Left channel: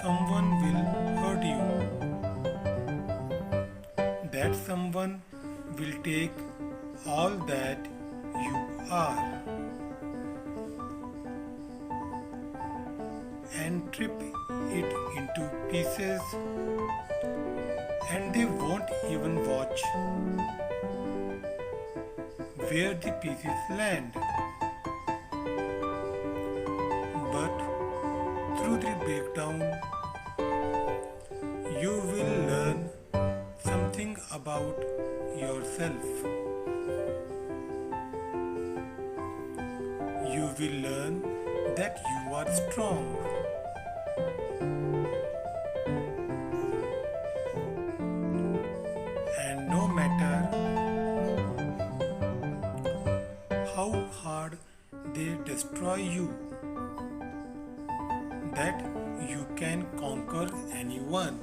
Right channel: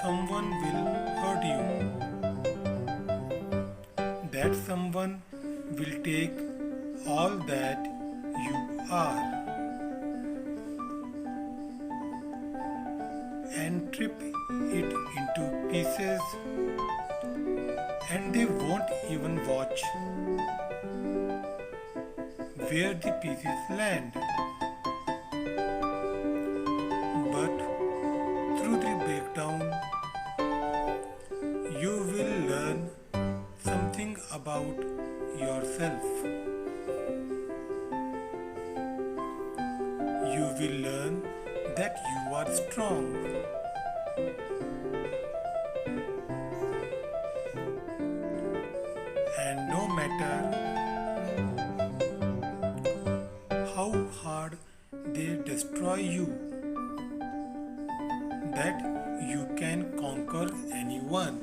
someone will hurt you. That someone will take all that you are and trip it into pieces, and they won't even watch where the pieces land. But through the breakdown, you will learn something about yourself. You will learn that you are strong, and no matter how hard they destroy you, that you can conquer anyone.